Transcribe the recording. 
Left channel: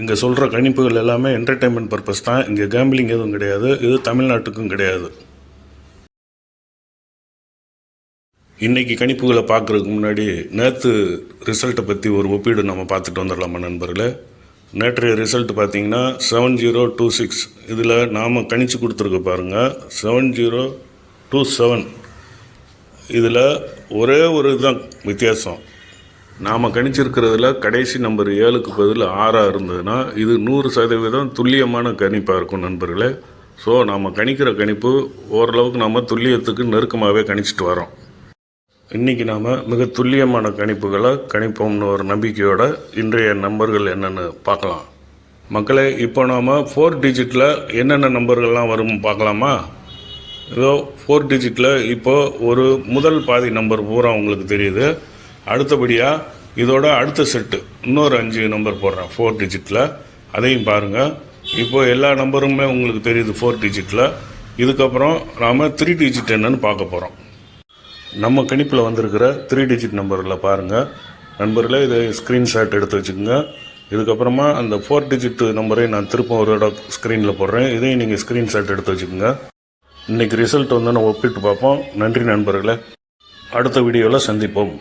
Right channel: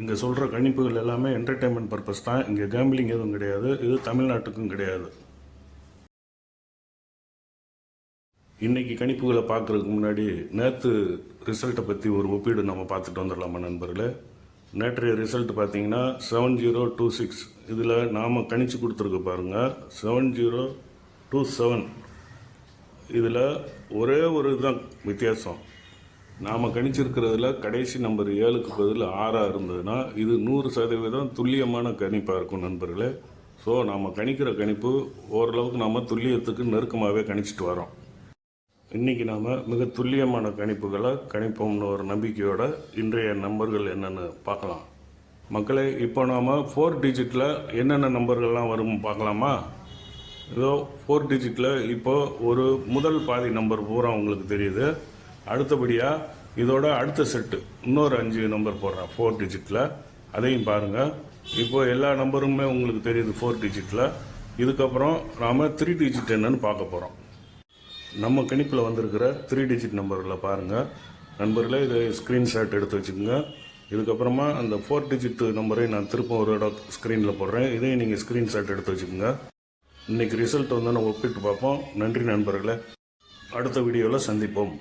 இங்கே சொல்கிற கணிப்புகள் எல்லாமே என்டர்டெயின்மெண்ட் பர்பஸ் தான். இங்கே கேம்பிளிங் எதுவும் கிடையாது. இது தமிழ்நாட்டுக்கும் கிடையாது. இன்றைக்கி கணிப்புகளை பார்க்குறதுக்கு முன்னாடி நேற்று ரிசல்ட்டை பற்றி ஒரு ஒப்பீடு நம்ம பார்த்துட்டு வந்துடலாமா நண்பர்களே. நேற்றைய ரிசல்ட் பார்த்திங்கன்னா 7026. இதில் நாம் கணிச்சு கொடுத்துருக்க பாருங்கள் 7027. இதில் ஒரே ஒரு இதுதான் வித்தியாசம். நாம் கணிச்சிருக்கிறதுல கடைசி நம்பர் 7க்கு பதில் 6 இருந்ததுன்னா இது 100% துல்லியமான கணிப்பாக இருக்கும் நண்பர்களே. ஸோ நாம் கணிக்கிற கணிப்பு ஓரளவுக்கு நாம் துல்லியத்துக்கு நெருக்கமாகவே கணிச்சிட்டு வரோம். இன்றைக்கி நாம் மிக துல்லியமான கணிப்புகளை கணிப்போம்னு ஒரு நம்பிக்கையோட இன்றைய நம்பர்கள் என்னென்னு பார்க்கலாம். மக்களே, இப்போ நாம் 4 டிஜிட்டில் என்னென்ன நம்பர்கள்லாம் வரும் பார்க்கலாமா? இதோ 4 டிஜிட்டில் இப்போது ஒரு முதல் பாதி நம்பர் பூரா உங்களுக்கு தெரியுது. அடுத்தபடியாக இதோட அடுத்த செட்டு இன்னொரு 5 நம்பர் போடுறேன் 4 டிஜிட்டில். அதையும் பாருங்கள். இப்போ எல்லா நம்பருமே உங்களுக்கு தெரியுது 4 டிஜிட்டில். இதுக்கப்புறம் நாம் 3 டிஜிட் என்னன்னு பார்க்க போகிறோம். நம்ம கணிப்பில் வந்திருக்கிற 3 டிஜிட் நம்பரில் பாருங்கள் நண்பர்களே. இதை ஸ்க்ரீன்ஷாட் எடுத்து வச்சுக்கோங்க. இதுக்கப்புறமா அந்த 4 டிஜிட் நம்பரை நான் திரும்ப ஒரு இடம் ஸ்க்ரீனில் போடுறேன். இதையும் நீங்கள் ஸ்க்ரீன்ஷாட் எடுத்து வச்சுக்கோங்க. இன்றைக்கி ரிசல்ட் வந்து நம்ம ஒப்பிட்டு பார்ப்போம். நன்றி நண்பர்களே. அடுத்த வீடியோவில் சந்திப்போம்.